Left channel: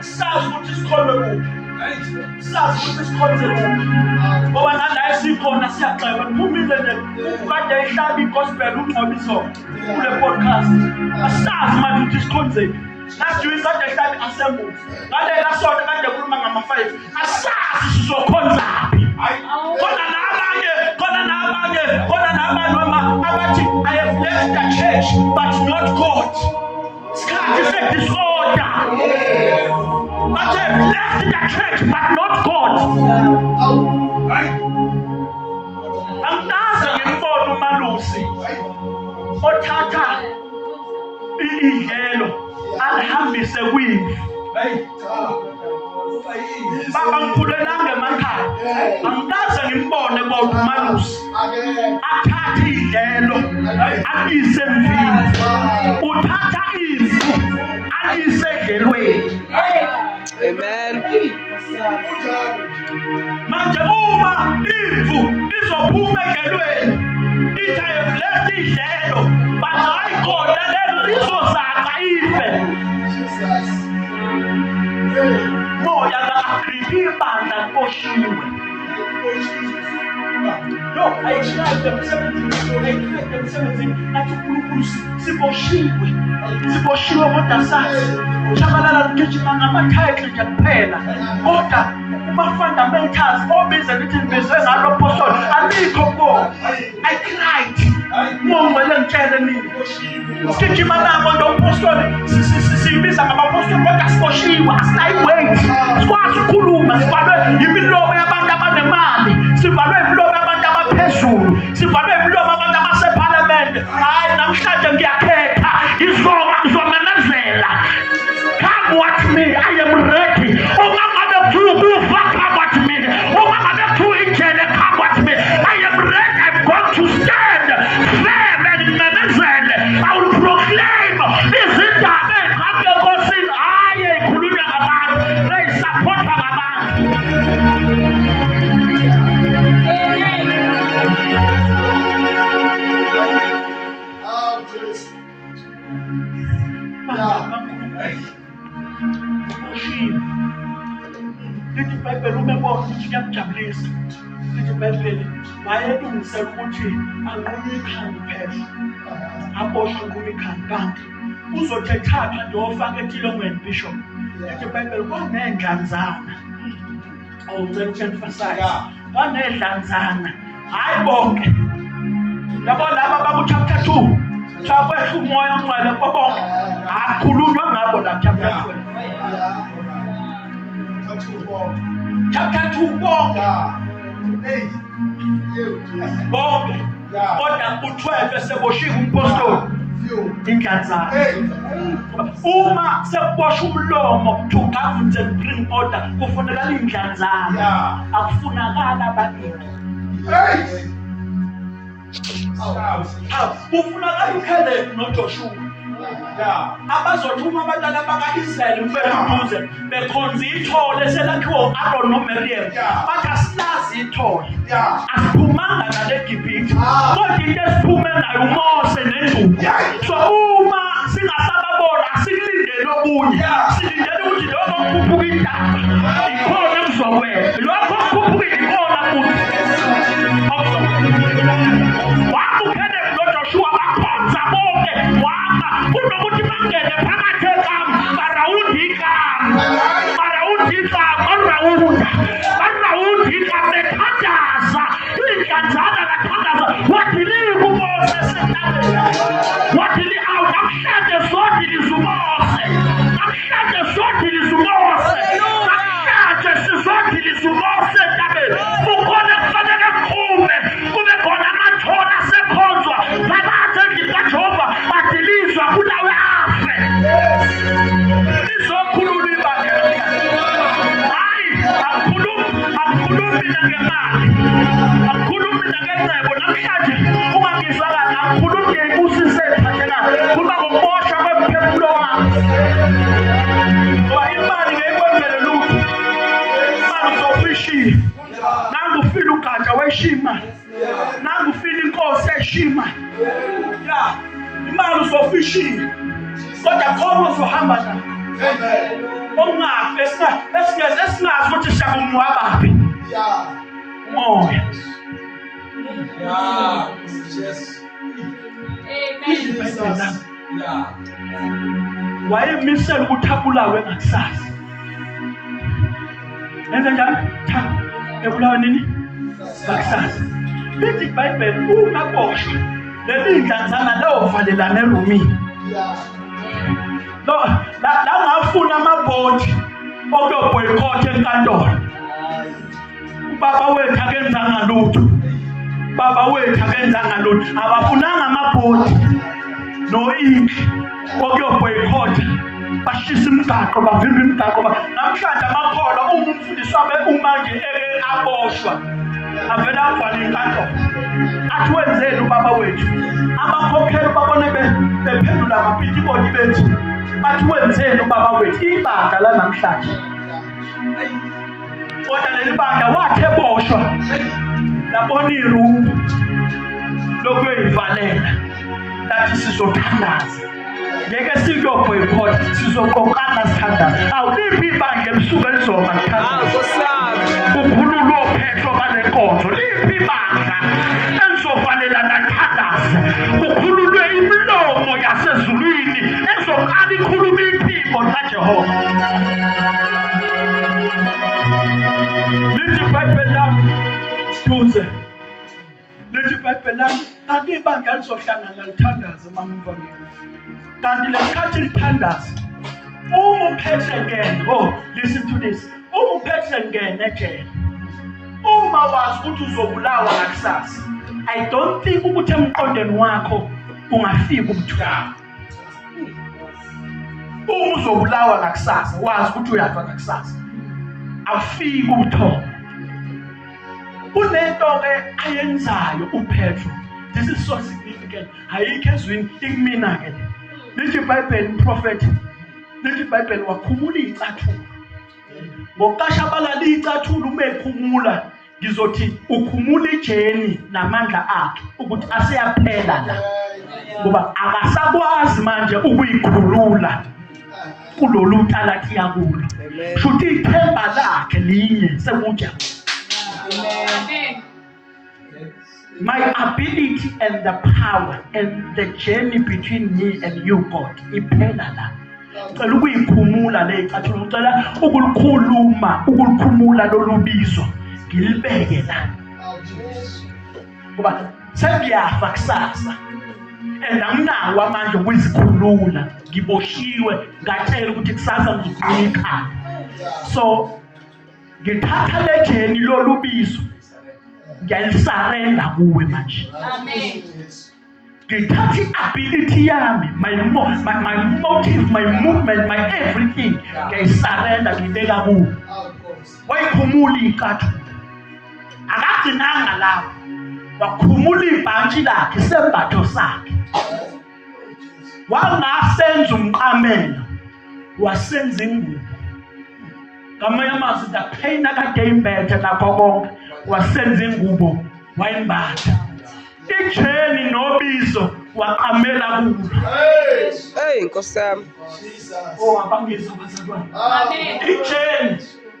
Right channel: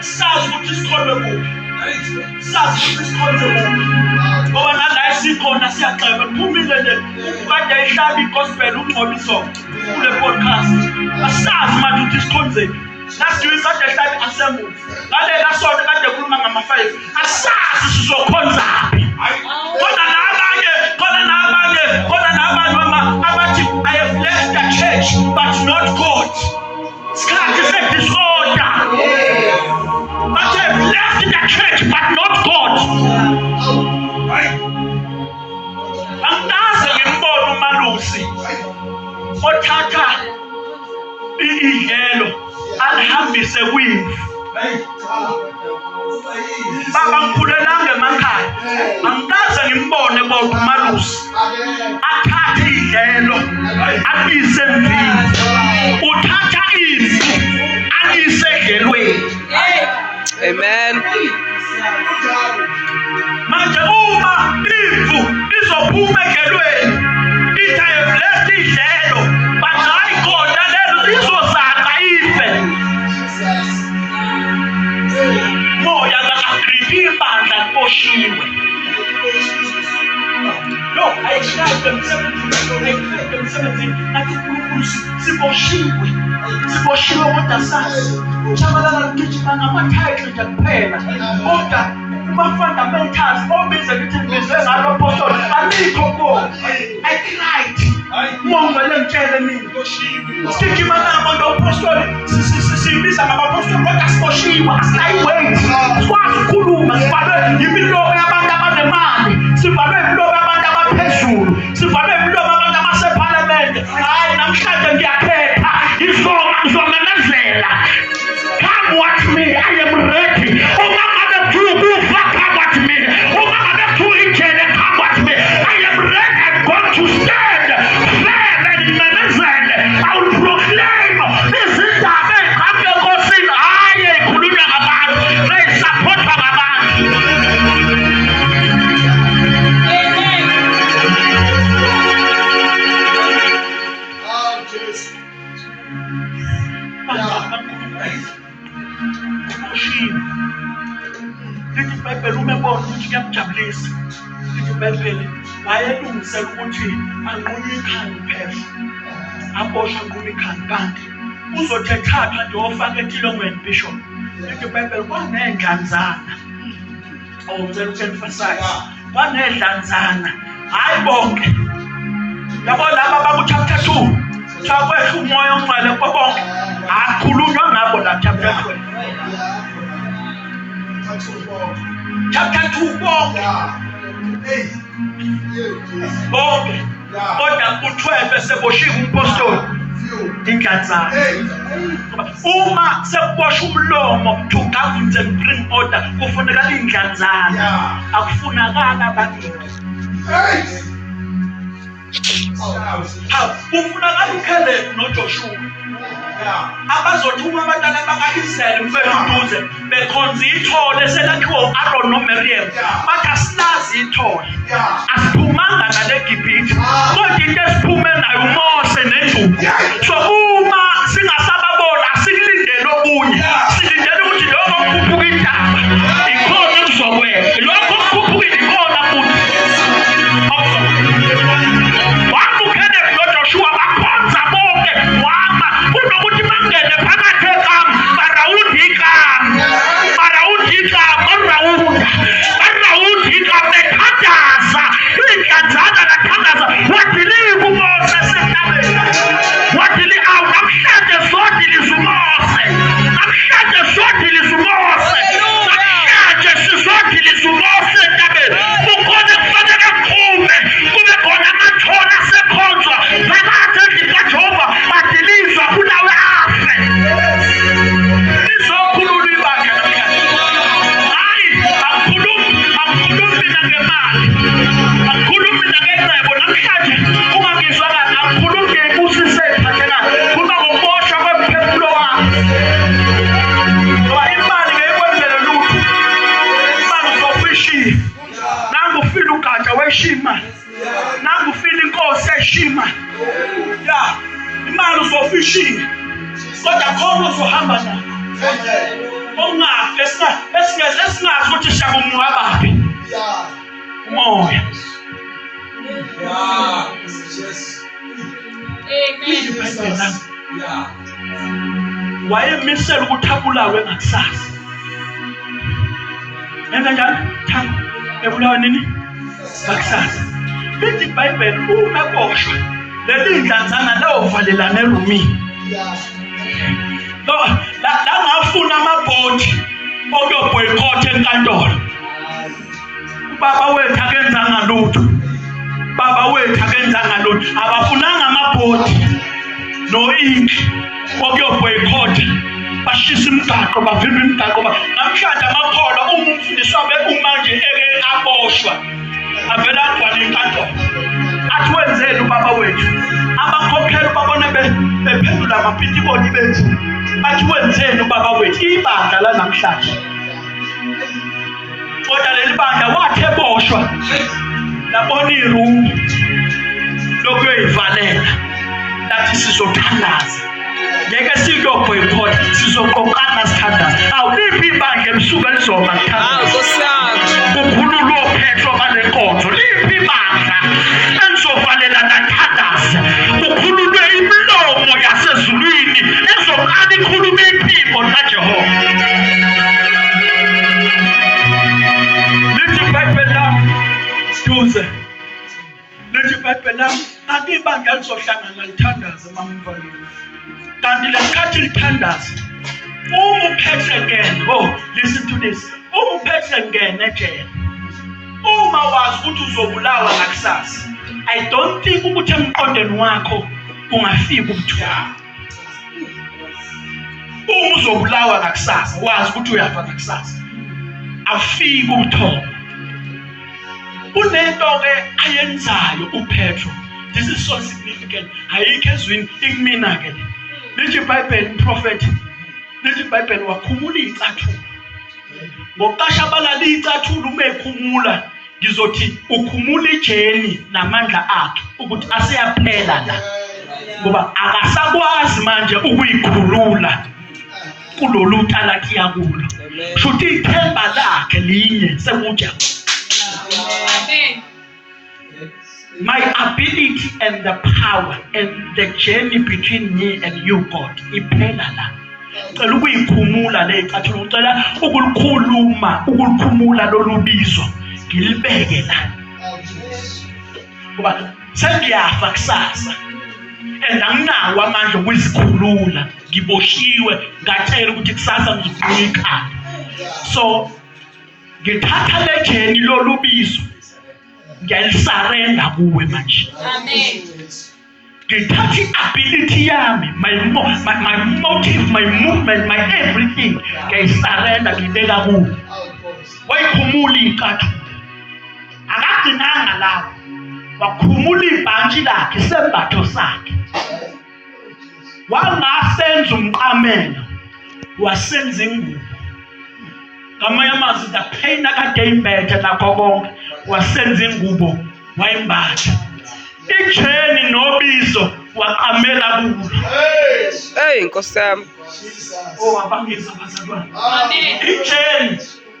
sazi ukuthi sikhonwe kuphi, sazi ukuthi sikhonze kuphi. Ngoba nala esikhona siyagxeka kuphumile nje ukade ehlaba igospel uNgcobiso kule podcast. Asazi manje ukuthi sikhonzeni. Last week kade ehlaba assemble. Ngalela sonke kade ekhuluma ngama-5. Asazi sizokhonzaphi. Khona nabanye abathi I have left the church but not God. Sikhathi se-disorder. But I have left the church but not God. Angaze ngimbone uMalusi othatha idlelo alihambise kwini. Baba ngikhulelanga emakhaya. Angikaze ngimbone uMalusi athathe idlelo alise emvini. Uthatha imvu alise edlelweni. Amen. Manje uma imvu izophuma edlelweni, it I have left idlelo, but hayi khona lelo lizozaqa ife. Moya ka-Agrippa ibandla liboshiwe. No, I tried them 17. Nathi uNkulunkulu siboshiwe kodwa sazi chabalala ngigijima ngama-title nje kuphela. Kodwa kuma-fundamentals obiza lithi ngibize ngalo apostoli alikho kuwo. I cried. Ngongwele ngitshele mina. Sigijima nabo apostoli siyibiza ngama-apostoli kodwa siboshiwe. Asinayi-weight. Sikwazi ukukhuluma. Sivalwe imilomo yabantu abanemali. Sivalwe imilomo yabantu abaphezulu. Sivalwe imilomo yabantu abasephalamende. Hayi namhlanje ngiyakhetha. Izomemezela. Come what me, I am ready. Come what me. Come what me. I am ready. I'm going to stand firm and memezele. I will proclaim this is the man. Come to go sing. I am Kulunya Abad. They support Abad. Amen. Lithi iBhayibheli umebona ukuthi kuyamjabulisa. Lithi iBhayibheli wayelungisela ukuthi anqunywe ikhanda phela. Aboshwe anqunywe ikhanda kanti uzothi ethathwa nje ofaka etilongweni bishop. Lithi iBhayibheli kwaney'dlanzana. Ngicela uku-emphasize. Kwaney'dlanzana. Hayi bonke. Yabona laba baku-chapter 2. Kuthiwa kwehla umoya ongcwele kubo bonke. Akukhulunywa ngabo la chapter 12. Chapter 2 bonke. Kodwa u-12 eseboshiwe umpostoli indlanzana. Uma sekuboshwa umlomo to govern and bring order kufunekala indlanzana. Akufunakala abaningi. Kufunakala uCaleb noJoshua. Abazothi uma abantwana baka-Israyeli beduze bekhonza ithole selakhiwa u-Aaron noMiriam. Bathi asilazi ithole. Asiphumanga ngale Gibhithe. Kodwa into esiphume nayo uMose neNdlovu. So uma singasababona asikulindele okunye. Silindele ukuthi lokho kukhuphuka intaba. Ikhona okuzokwehla. Lokho kukhuphuka ikhona futhi. Wakukele noJoshua bakhonza bonke wama kunokuthi bangene phakathi ekamp barawundi ikamp bethandaza iy'dlanzana bathandaza wadiliva uMose esentabeni awu namhlanje sodilisa uMose sizodilisa uMose entabeni kukhona kufanele kuphume kube khona amathona asekhonzwa phakathi endlini kaJehova badilizwa kulawe afe. Izokhulula ibandla namhlanje. Hayi akukhulumi mina ngemali, akukhulumi mina ngecebo namhlanje. Ungangizwa kahle akukhulumi ngey'busiso ey'phathekayo, kuba ngokuboshwa kwemphefumulo wami. Ngoba imali ngeyikwenzele lutho. Imali uzofishiya. Nangu ufile ugatsha weshima. Nangu ufile inkosi yeshima. Imali uzofishiya. Kodwa khona uzohamba nayo. okungafi esingazi ukuthi siyakungcwabaphi umoya. Wayemisela ukuthi abulawe ngakusasa. Yenza njani? Ebulawa nini? Ngakusasa. Lithi iBhayibheli ungaboshwa leli ndlanzana lovalelana erumini. La ngafuna amabhodi okuyobhoyikotha enkantolo. Baba wethu akenzanga lutho. Baba wethu akenzanga lutho. Abafunanga amabhodi no ink okuyobhoyikotha. Bashisa imigaqo bavimba imigaqo. Namhlanje amakholwa umfundisi wabe umanje aboshwa. Avela agcwala inkantolo. Athi wenzeni ubaba wethu? Abakhokheli babone bephendula amapitibodi bethu. Bathi wenzeni ubaba wethu? Ibandla la namhlanje. Kodwa leli bandla wathi eboshwa. Labona iroom lokuyivalela. Lathi sizothandaza. Ngeke siyobhoyikotha, sizoqokana sithandaza. Awuliphi ibandla emsuka elizoba thandaza. Kukhululwa ophetho banenkonzo. Liphi ibandla elizovalela nathandaza. Kukhululwe imilomo yasezulwini ezoqala ikhuluma iphimbo laJehova. Lithi iBhayibheli lami duze. Lithi iBhayibheli lami akibandla lizohlangana lithandaza mamfana. Kanti lesikhathi lithandaza uphethe ngene. Listen to this. Uphethe ngene ejele. Uma wazi ukuthi uzobulawa ngakusasa, I don't think ukuthi emqondweni wakho ungafika ukuthula. Uma uzobulawa ngakusasa, wazi ukuthi uyafa ngakusasa, awufiki ukuthoma. Kunento ke ayenzayo uPetro. This is so significant. Ayikho ezwini ikumina ke. Lithi iBhayibheli prophet. Lithi iBhayibheli wakhumula icathulo. Ngokuqasha abalala icathulo uma ekhumula ngizothi ukhumula ijeni namandla akhe ukuthi aseyaphela la. Ngoba akasakwazi manje ukuyikhulula kulolu talaki yakulo. Shuthi ithemba lakhe linye sekuja. Amen. My ability and the power and the journey between me and you, God, iphela la. Ucela ukuyikhumula le icathulo, ucela ukulikhumula lolubizo ngilibeke la. Ngoba sengiyafa kusasa and anginawo amandla okuzikhulula, ngiboshiwe, ngathela ukuthi kusasa ngizobuya ekhaya. So ngithatha le jeni lolubizo ngiyalisarenda kuwe manje. Amen. Ngithatha i-ability yami, my motive, my movement, my everything, ngiyisarenda ngibeka kuwe. Wayikhumula icathulo. Akagcinanga lapho. Wakhumula ibhantshi lakhe, isembatho sakhe. Wangasenza umqamelo, wasenza ingubo. Ngamanye amazwi the pain akade imbethe nakho konke wasenza ingubo wayimbatha. Ijeni nobizo waqamela kulo. Hey Nkosi yami. Abangizwa bazalwane. Amen. Ijeni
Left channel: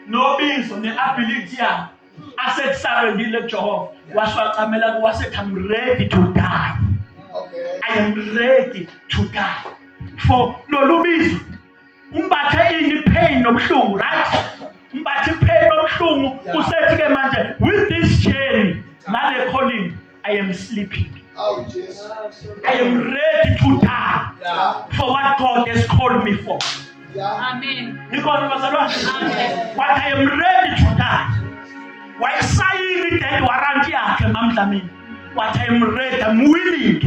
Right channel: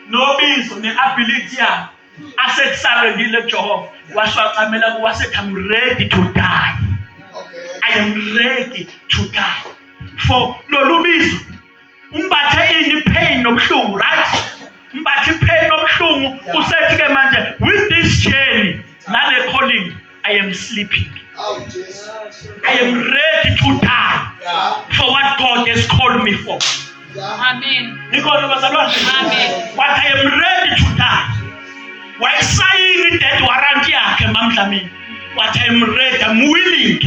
nobizo neability yakhe asekusarendile Jehova washaqamela ku wasethi I'm ready to die. I am ready to die. For lolubizo umbathe ini pain nobuhlungu, right? Umbathe pain nobuhlungu usethi ke manje with this journey nale calling I am sleeping. I am ready to die for what God has called me for. Amen. Because Amen. What I am ready to die. Why sign that warrant yakhe mamdlamini? What I am ready, I'm willing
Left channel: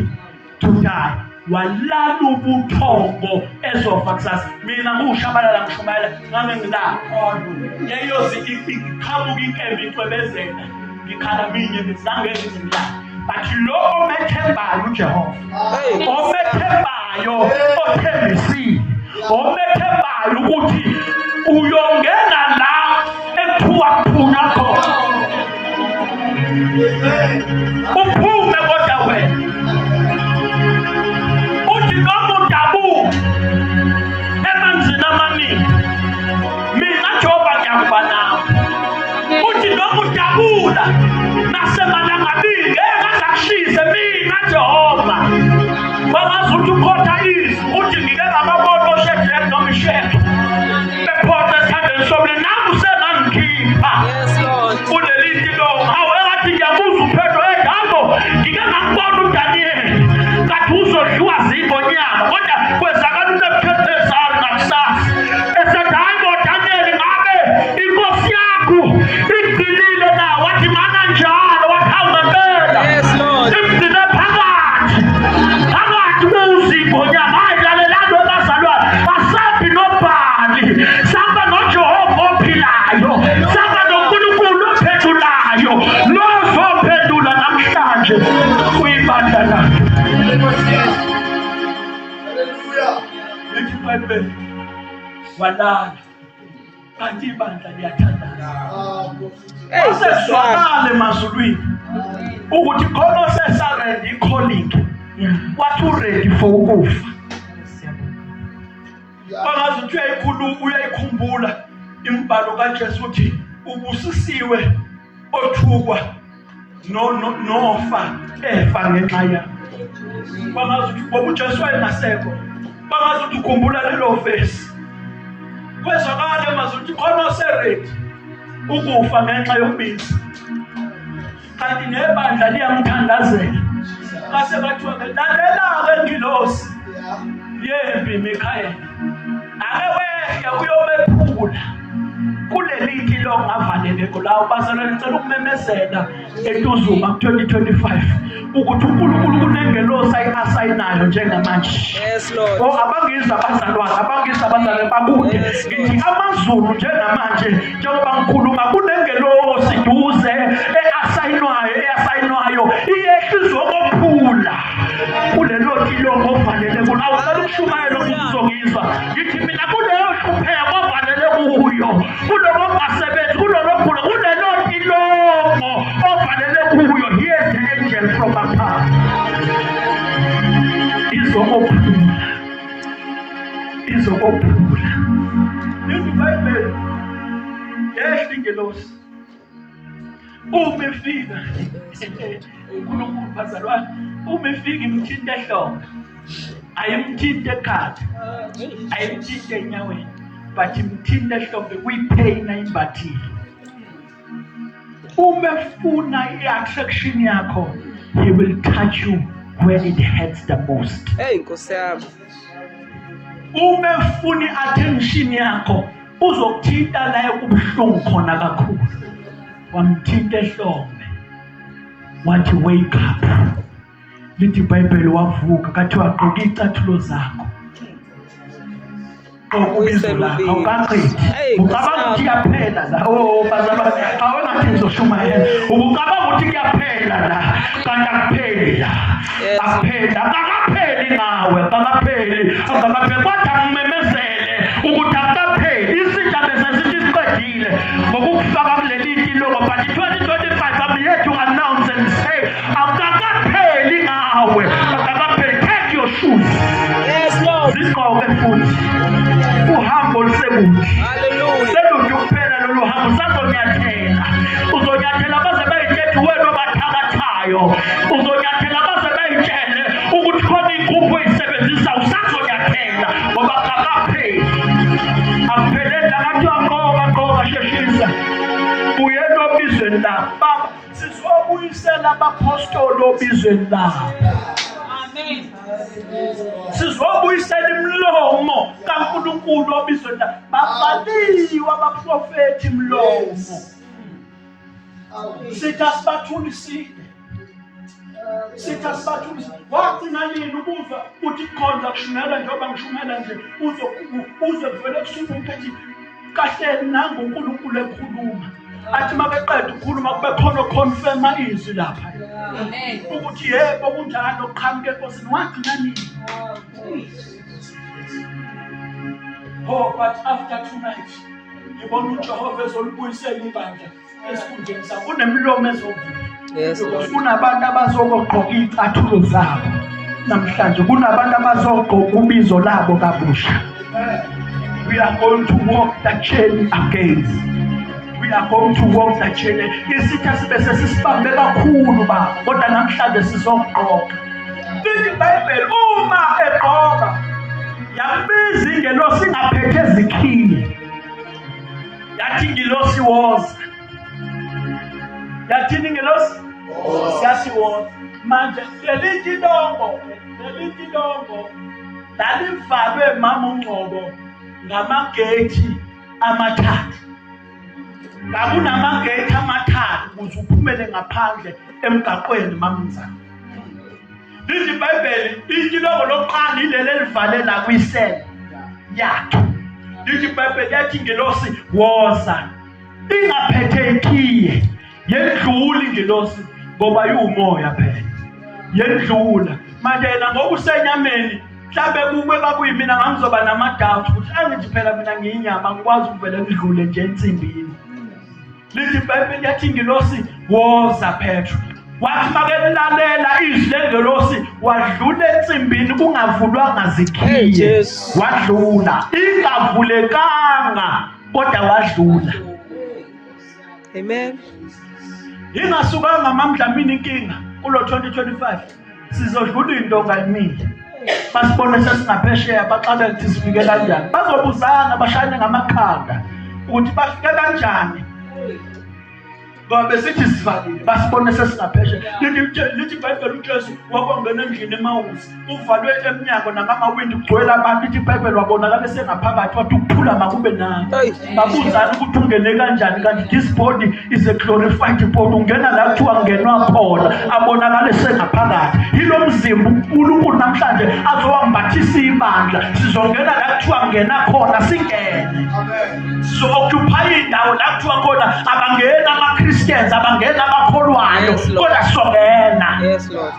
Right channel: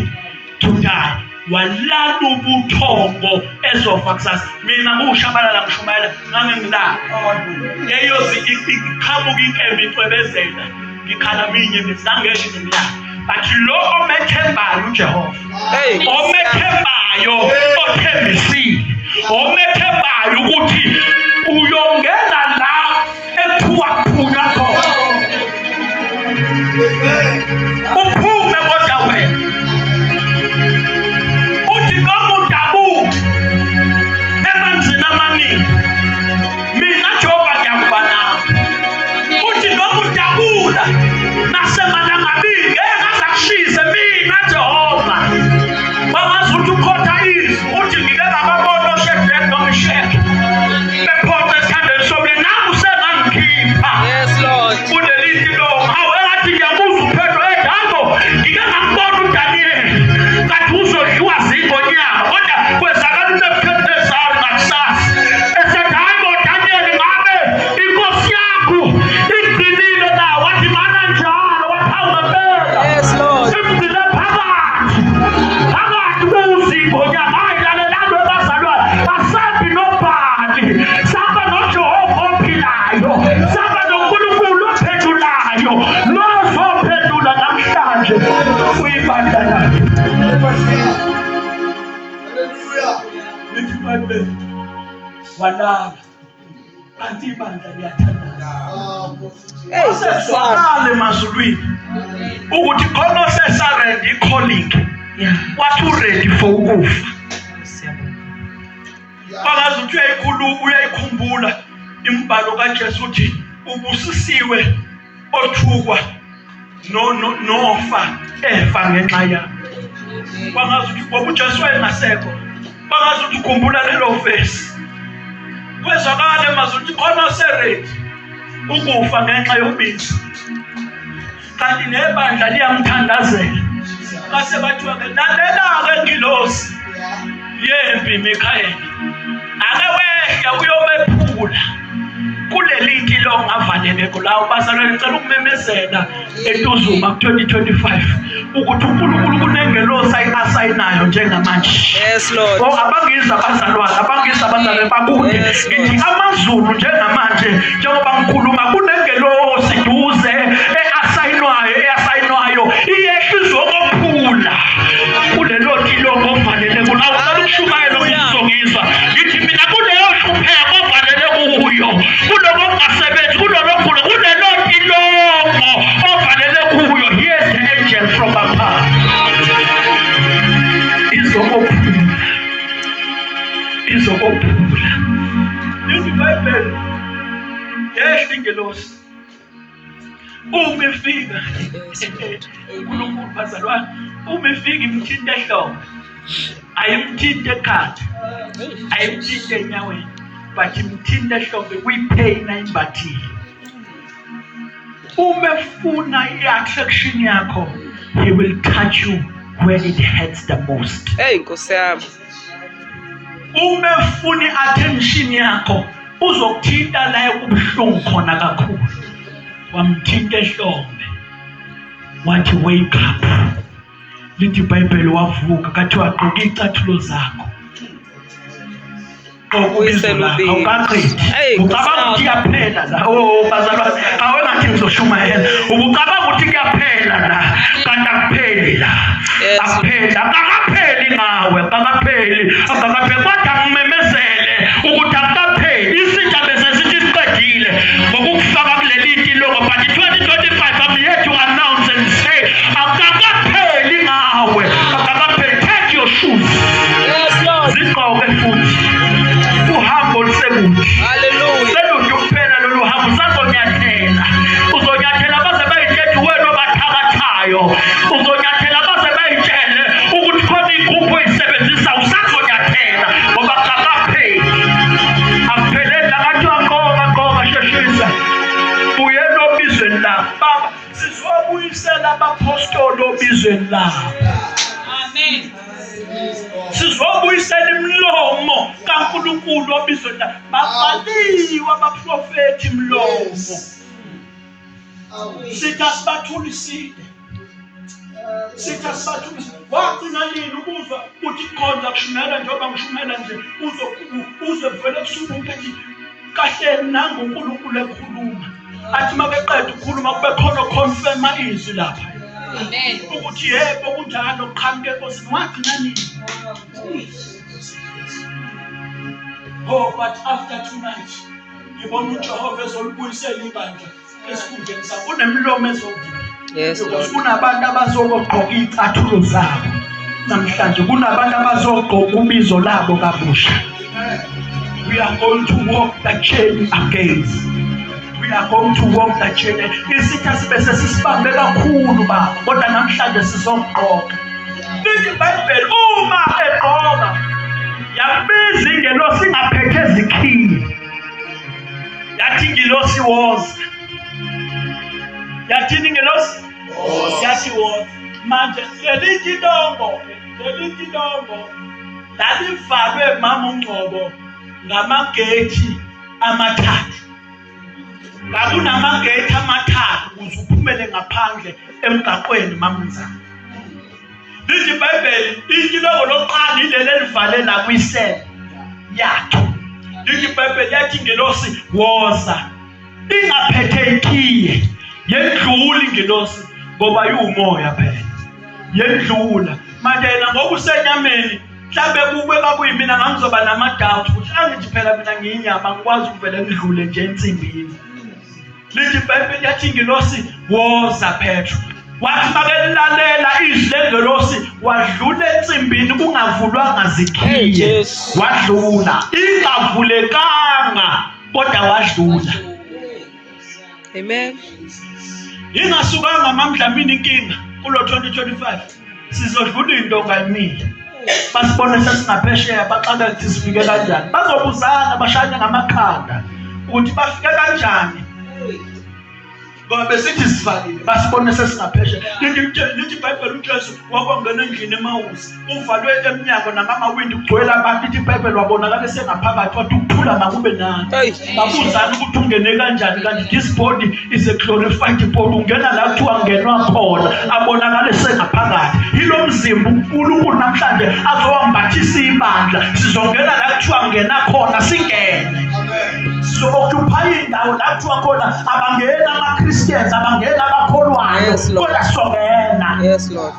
to die. Walala ubuthongo ezofa kusasa. Mina ngushabalala ngishumayela ngangengila. Eyozi iqhamuka inkembe icwebezela. Ngikhala minye ngizangeke ngila. But lo omethembayo uJehova. Omethembayo othembisile. Omethembayo ukuthi uyongena la ekhuwa khona. Uphume kodwa wena. Uthi noma udabuka emanzini amaningi bangazi ukuthi ukhotha izwi uthi ngike ngababona oShedrack noMeshach bephotha esandleni sobulili nami usengangikhipha kuleli tilonga hawe ngathi ngiyabuza uphetho edalo ngike ngakubona uDaniel kathi uzodliwa zingonyama kodwa kwezakala uNebukadnezari ngakusasa esethi hayi bo Daniel ngabe inkosi yakho igcinile na wathi mana njalo wathawula imdile phakathi bezingonyama hayi lalelando abazalwa asabi nobhali saba noJehova ophilayo saba noNkulunkulu ophethulayo lozophendula namhlanje uyibandla lakhe. Lithi Bible walala kanti ibandla liyathandana. Aseswakale emazulwini ukuthi khona osesaready i-calling wathi uready for ukufa. Bangazi ukuthi uyayikhumbula imbhalo kaJesu uthi ubusisiwe othukwa nofa efa ngenxa yakho. Bangazi ukuthi ngoba uJesu wayengasekho bangazi ukuthi ukhumbula lelo verse kwezwakala emazulu ukuthi khona oseready ukufa ngenxa yokubiza kanti nebandla liyamthandazela base bathiwa ke lalela-ke ngilosi yempi Mikayeli ake wehla uyobephula kuleli tilonga avaleleko lawo bazalwane ngicela ukumemezela eTuzuma ku-2025 ukuthi uNkulunkulu kunengelosi ayasayinayo njengamanje. Yes Lord. Abangiza abazalwane bakude ngithi amazulu njengamanje njengoba ngikhuluma kunengelosi duze eyasayinwayo iyehla izokuphula kulelo tilonga ovaleleko lawo ukushumayela ukuzongizwa ngithi mina kuleyo hlupheko ovalele kuyo kuloko ngasebenzi kulolo khulu kulelo tilongo ovalele kuyo. Here's the angel from above izokuphula lithi Bible yehla ingelosi umefika uNkulunkulu bazalwane umefika imthinta ehlombe ayimthinta ekhanda ayimthinta enyaweni but imthinta ehlombe kuyipheyina imbathile. Umefuna i-attraction yakho he will touch you where it hurts the most. Nkosi yami. Umefuna i-attention yakho uzokuthinta la kubuhlungu khona kakhulu wamthinta ehlombe wathi wake up. Lithi iBhayibheli wavuka kathi wagqoka icathulo zakho awukaqedi ucabanga ukuthi kuyaphela la bazalwane awengathi ngizoshumayela ucabanga ukuthi kuyaphela la kanti akupheli la akakapheli ngawe akakapheli kodwa ngimemezele ukuthi akukapheli isitsha bese sithi siqedile ngokukufaka kuleli tilongo but 2025 I'm here to announce and say akakapheli ngawe akakapheli. Take your shoes. Yes Lord. Zigqoke futhi uhambo olusebuthi. Hallelujah. Selunje kuphela lolu hambo uzonyathela baze bayithethe wena obathakathayo uzonyathela baze bayitshele ukuthi khona igruphu oyisebenzisa usazonyathela ngoba akakapheli akupheleli lakathiwa ngoba sheshisa buyela obizweni lakho baba sizobuyisela abapostoli obizweni lakho. Amen. Sizobuyisela imlomo kaNkulunkulu obizweni lakho babhaliwe abaprofethi imlomo sithi asibathulisile wagcina nini ukuzwa uthi khonza kushumela njengoba ngishumela nje uzwe vele kusuka umkhethi kahle nangoNkulunkulu ekhuluma athi makeqeda ukukhuluma kube khona confirm izwi lapha. Amen. Ukuthi yebo kunjalo qhamuke enkosini wagcina nini. Oh, but after tonight ngibona uJehova ezolibuyisela ibandla esikhundleni sakho kunemlomo ezovula. Yes Lord. Kunabantu abazogqoka icathulo zabo namhlanje kunabantu abazogqoka ubizo labo kabusha. We are going to walk the chain again. We are going to walk the chain. Isitha sibe sesisibambe kakhulu baba kodwa namhlanje sizogqoka lithi iBhayibheli uma egqoka yabiza ingelosi ingaphethe ezikhiye yathi ingelosi woza. Yathini ingelosi? Yathi woza. Manje lelithi dongo lalivalwe mama uNgcobo ngamagethi amathathu. Ngakunamagethi amathathu ukuze uphumele ngaphandle emgaqweni mamnzana. Lithi iBhayibheli ilongo lokuqala ilele elivalela kwisele yakhe. Lithi iBhayibheli yathi ingelosi woza ingaphethe ikhiye. Yendlula ingelosi ngoba yumoya phela. Yendlula. Manje yena ngokusenyameni mhlambe kube kakuyimina ngizoba namadoubt ukuthi angithi phela mina ngiyinyama ngikwazi ukuvela ngidlule nje ensimbini. Lithi iBhayibheli yathi ingelosi woza Petro. Wathi makelalela izwi lengelosi wadlula ensimbini kungavulwanga zikhiye. Wadlula ingavulekanga kodwa wadlula. Amen. Ingasukanga mamdlamini inkinga kulo 2025 sizodlula into ngayimile. Basibone sesingaphesheya baxaka ukuthi sifike kanjani. Bazobuzana bashane ngamakhanda ukuthi bafike kanjani. Ngoba besithi sifakile basibone sesingaphesheya. Lithi iBhayibheli uJesu wakongena endlini eMawusi uvalwe eminyango nangamawindi kugcwele abantu. Lithi iBhayibheli wabonakala sengaphakathi wathi ukuthula makube nani. Babuzana ukuthi ungene kanjani kanti this body is a glorified body. Ungena la kuthiwa kungenwa khona abonakale sengaphakathi. Yilo mzimba uNkulunkulu namhlanje azowambathisa ibandla. Sizongena la kuthiwa kungena khona singene. Amen. Sizokuphaya indawo la kuthiwa khona abangena amaChristians abangena abakholwayo kodwa songena. Yes Lord.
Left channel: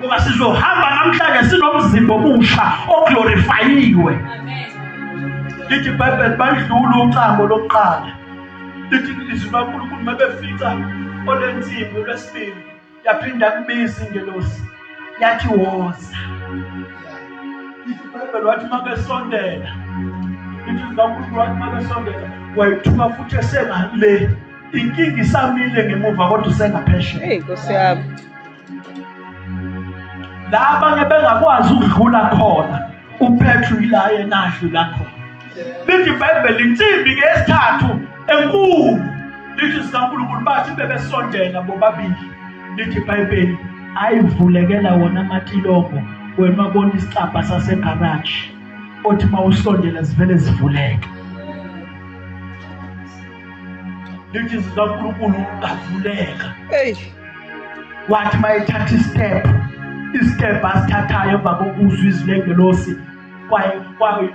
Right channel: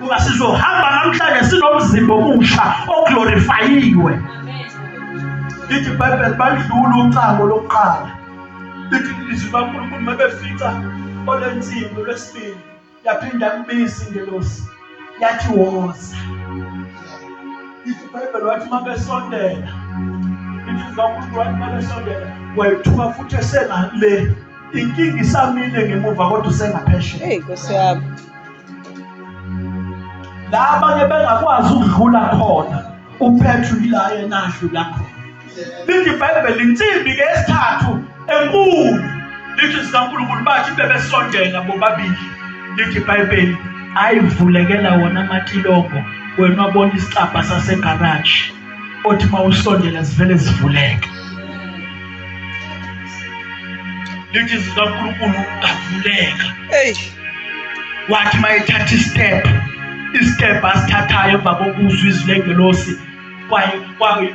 Kuba sizohamba namhlanje sinomzimba omusha oglorifiyiwe. Lithi iBhayibheli badlula ucango lokuqala. Lithi izwi kaNkulunkulu mabefica olensimbi lwesibili yaphinda kubiza ingelosi yathi woza. Lithi iBhayibheli wathi mabesondela. Lithi izwi kaNkulunkulu wathi mabesondela wayithuka futhi esengale. Inkinga isamile ngemuva kodwa usengaphesheya. Hey Nkosi yami. Laba ngebengakwazi ukudlula khona uPetru ila yena adlula khona. Lithi iBhayibheli insimbi ke esithathu enkulu. Lithi sikaNkulunkulu bathi bebesondela bobabili. Lithi iBhayibheli ayivulekela wona amatilongo wena wabona isicabha sasegarage othi mawusondela zivele zivuleke. Lithi sikaNkulunkulu ngavuleka. Hey. Wathi mayithatha istep asithathayo emva kokuzwa izwi lengelosi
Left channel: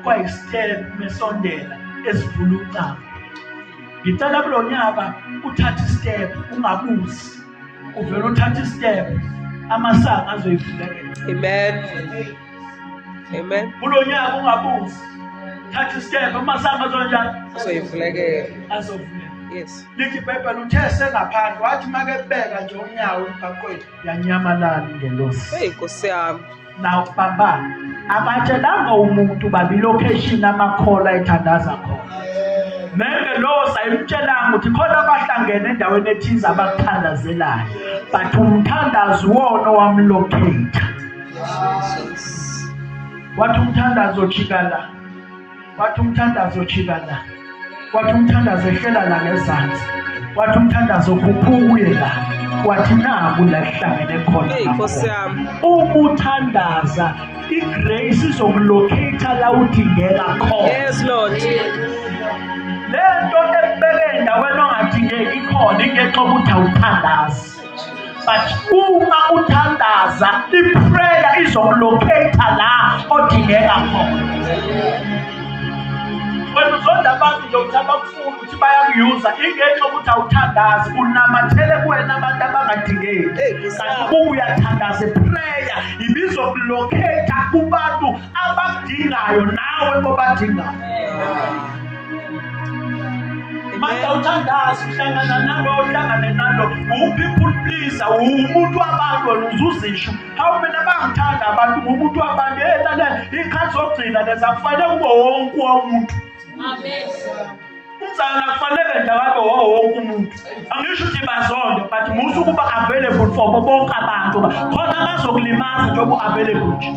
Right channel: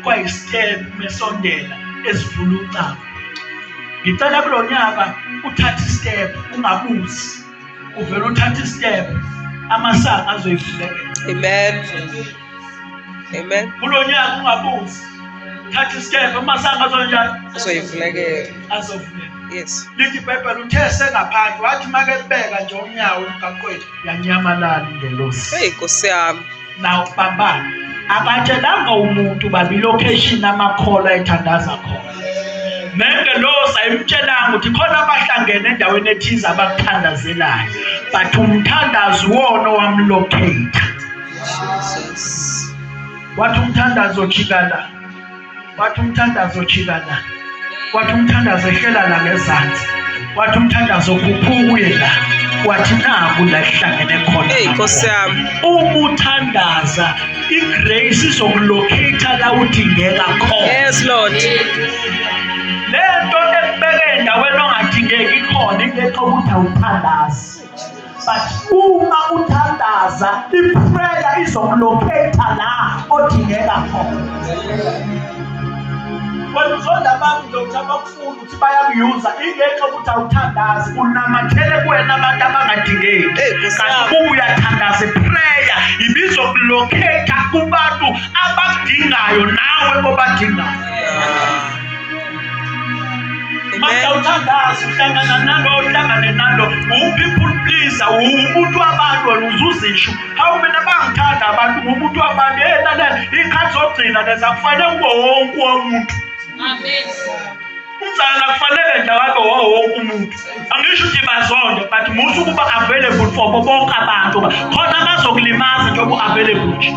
kwayistep mesondela esivula ucango. Ngicela kulo nyaka uthatha istep ungabuzi. Uvela uthatha istep amasanga azoyivulekela. Amen. Amen. Kulo nyaka ungabuzi. Thatha istep amasanga azonjani? Azoyivulekela. Azovuleka. Yes. Lithi iBhayibheli uthe sengaphandle wathi makebeka nje unyawo emgaqweni yanyamalala ingelosi. Hey Nkosi yami. Naw baba akatshelanga umuntu babi location amakhola ethandaza khona. Nengelosi ayimtshelanga ukuthi khona abahlangene endaweni ethize abakuthandazelayo. But umthandazo wona wamlocate. Jesus. Wathi umthandazo chikala. Wathi umthandazo chikala. Wathi umthandazo ehlela la ngezansi. Wathi umthandazo kuphukuye la. Wathi naku la ihlangene khona. Hey Nkosi yami. Umuthandaza igrace izokulocate la udingeka khona. Yes Lord. Lento ekubeke endaweni ongadingeki khona ingexa ukuthi awuthandazi. But uma uthandaza iprayer izokulocate la odingeka khona. Wena uzonda abantu nje ukuthi abakufuna ukuthi bayakuyuza ingexa ukuthi awuthandazi unamathele kuwena abantu abangadingeki. Kanti uyathandaza iprayer ibizokulocate kubantu abadingayo nawe obadingayo. Maka uthandaza uhlangana nalo uhlangane nalo people pleaser umuntu wabantu wena uzuzisho how many abangithanda abantu umuntu wabantu lana ikhathi zogcina lezakufanele kube wonke umuntu. Amen. Umzana kufanele nje wabe wonke umuntu. Angisho ukuthi bazonde but musu kuba available for bonke abantu khona bazokulimaza njengoba available nje.